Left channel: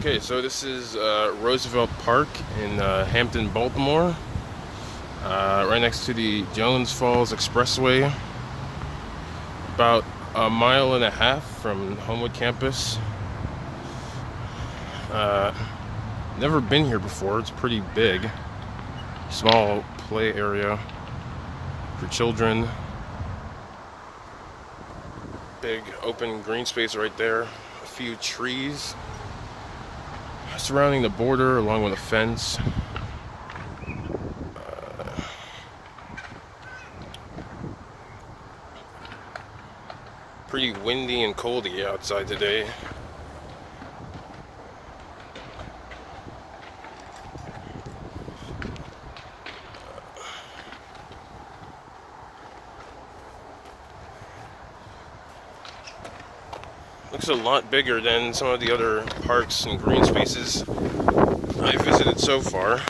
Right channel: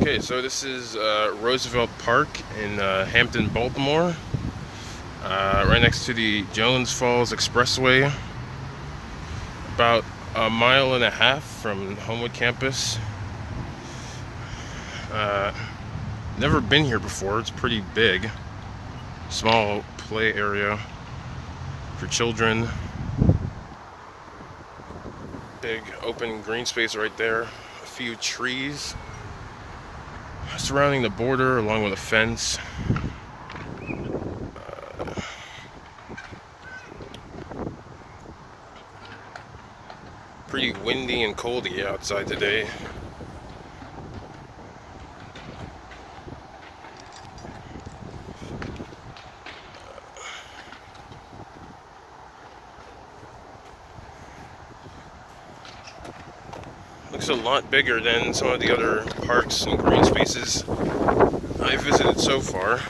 Okay, so this is Roosevelt Park in Hampton, Baltimore, right next to the Jones Falls Expressway, about a mile and a half from Homewood campus. Never been here before. It's pretty big. Small play area for children. Big open green space right there. A few trees surrounding the border along with a fence. Pretty windy and coldy outside today. Looks a lot bigger than some of the other parks and green spaces I've visited so far.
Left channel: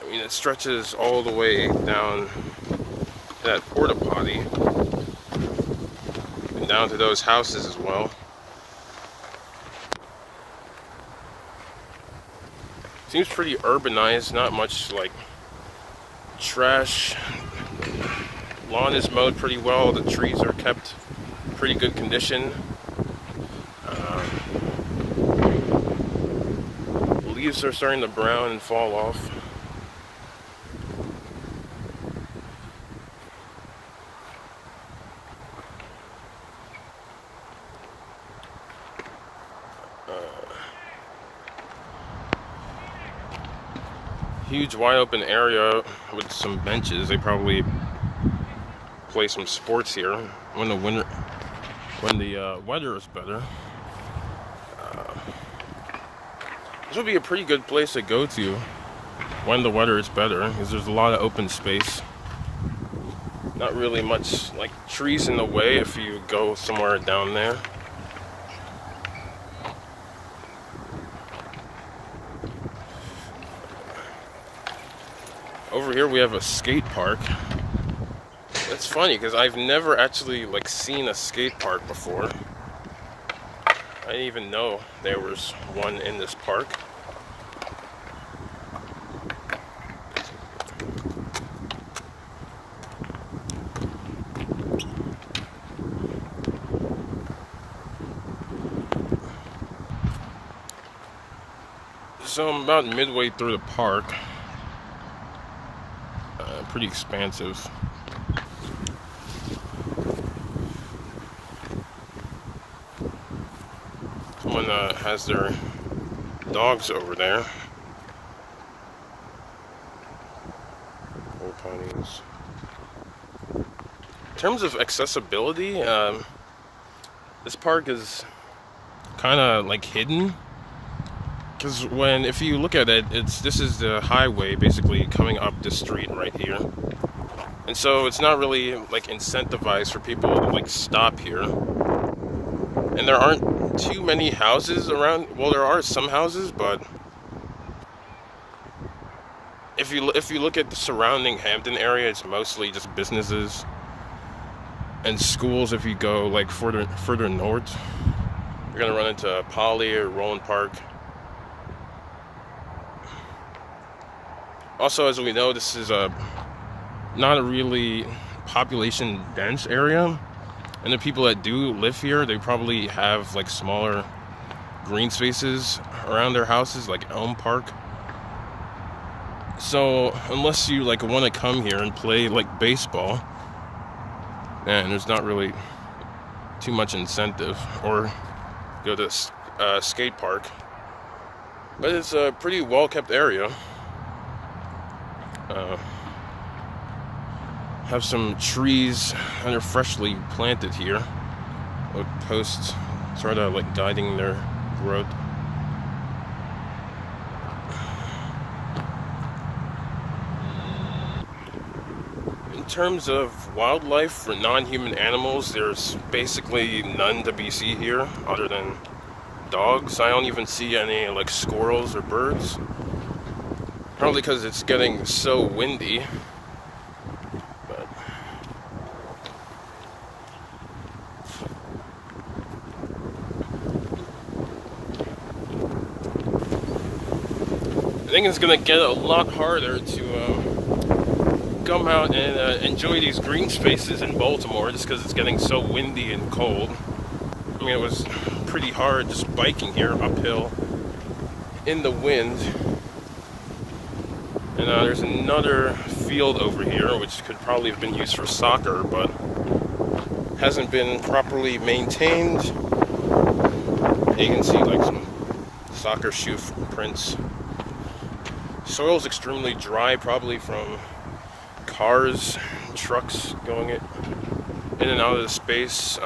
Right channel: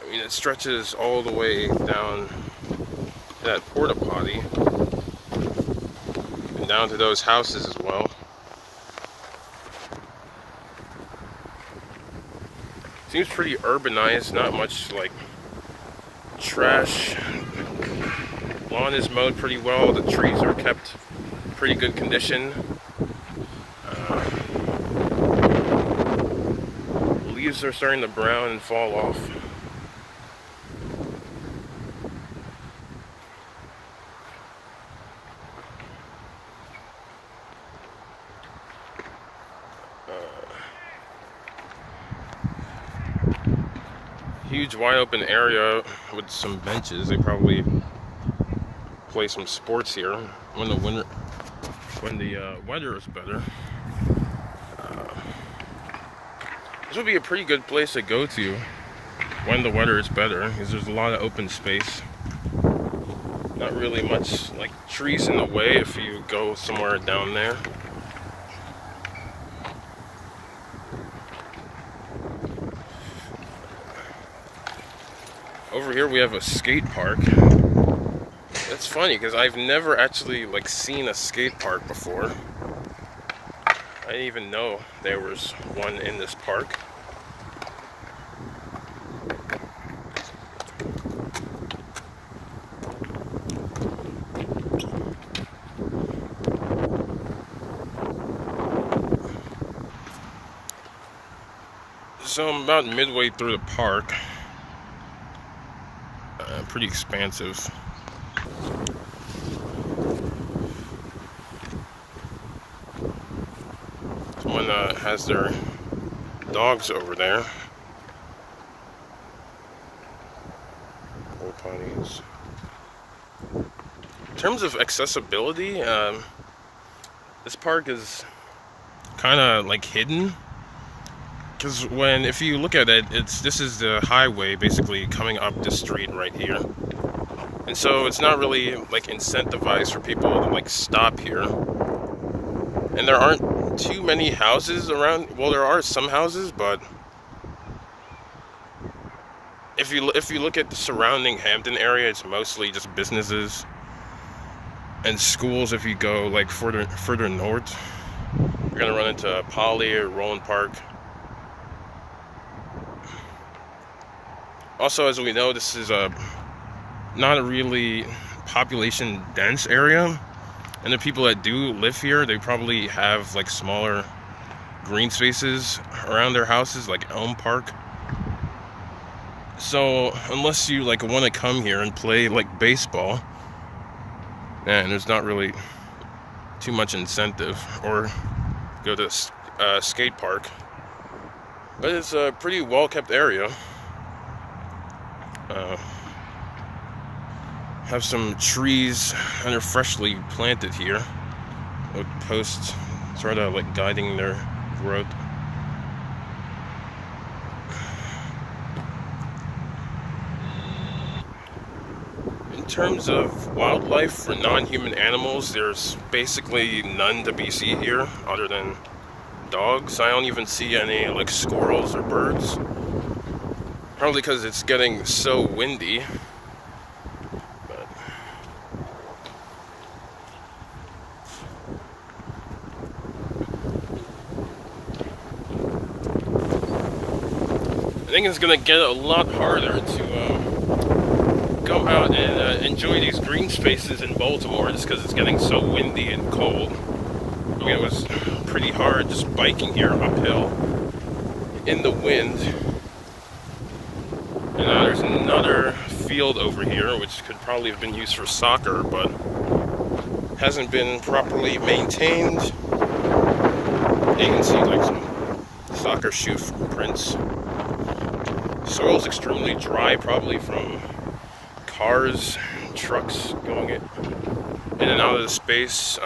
I mean, it stretches all the way down to that porta potty and down to those houses as well. Seems pretty urbanized, not much like trash. Lawn is mowed pretty well, the trees are kept in pretty good condition. Leaves are starting to brown and fall off. Huge wide open area with some benches. They probably play some sports here when the weather is better. This would be a pretty good place to go to when the weather is better, because there's a lot of open space. Not really much like trees in the way if you go somewhere down there. Over here we have a skate park. It's funny because I've never actually seen a skate park before. I didn't even know there was one in this park. So I'm about midway through the park. Pretty expansive. Someone has their dogs over there. Old ponies. In terms of accessibility, this park is kind of hidden. Because if you look at it, this is the highway basically coming up the street right here, and so it's not really incentivized for people to stop here. And there aren't too many houses around. Well, there are some houses, but if you look at the surrounding Hampton area, it's mostly just businesses and schools. If you go further north, you're gonna run into Poly or Roland Park. Also, as we know, this is not a really population dense area, and the people that do live here, they probably have smaller green spaces around their houses, like Elm Park. So unless you want to come here and play baseball, and there's not really too much incentive, or go to skate park. But it's a pretty well kept area. Have some trees that are freshly planted here with posts sort of guiding their growth. In terms of wildlife for non-human animals, there's basically none to be seen here other than dogs. I don't even see any squirrels or birds. Probably because it's getting so windy. I think it's gonna get a lot harder to come out and enjoy these green spaces in Baltimore just because it's getting so windy and cold. I mean, it was pretty hard just biking here uphill in the wind. And there's another field over here which could probably have been used for soccer, but hasn't been properly maintained. You can see like some soccer shoe footprints. Soil's extremely dry, probably from cars, trucks going in and out of the space.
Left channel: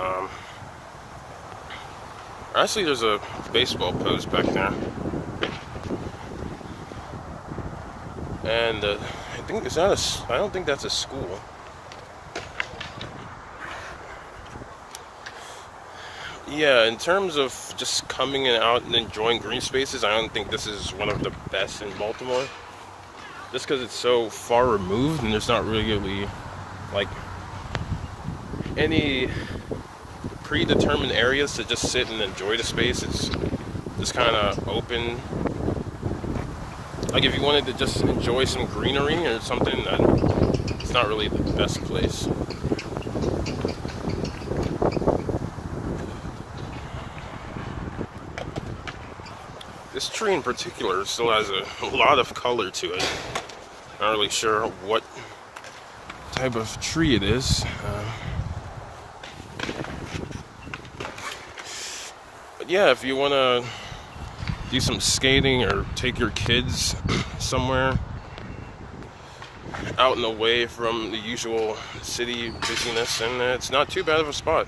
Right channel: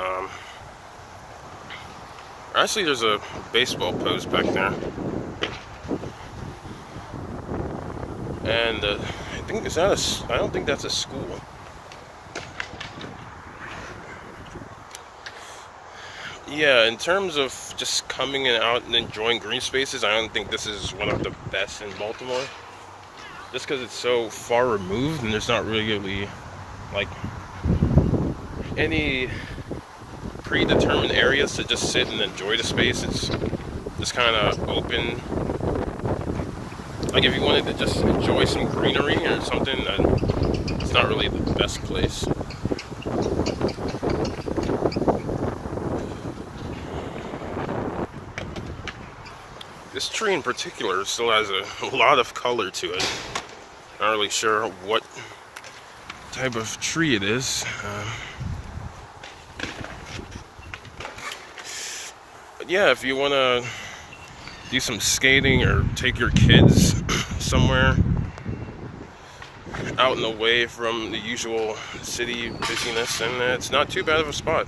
Actually, there's a baseball post back there. And I think I don't think that's a school. Yeah, in terms of just coming out and enjoying green spaces, I don't think this is one of the best in Baltimore. Just because it's so far removed and there's not really like any predetermined areas to just sit and enjoy the space. It's just kind of open. Like if you wanted to just enjoy some greenery or something, it's not really the best place. This tree in particular still has a lot of color to it. Not really sure what type of tree it is. But yeah, if you want to do some skating or take your kids somewhere out and away from the usual city busyness, and it's not too bad of a spot.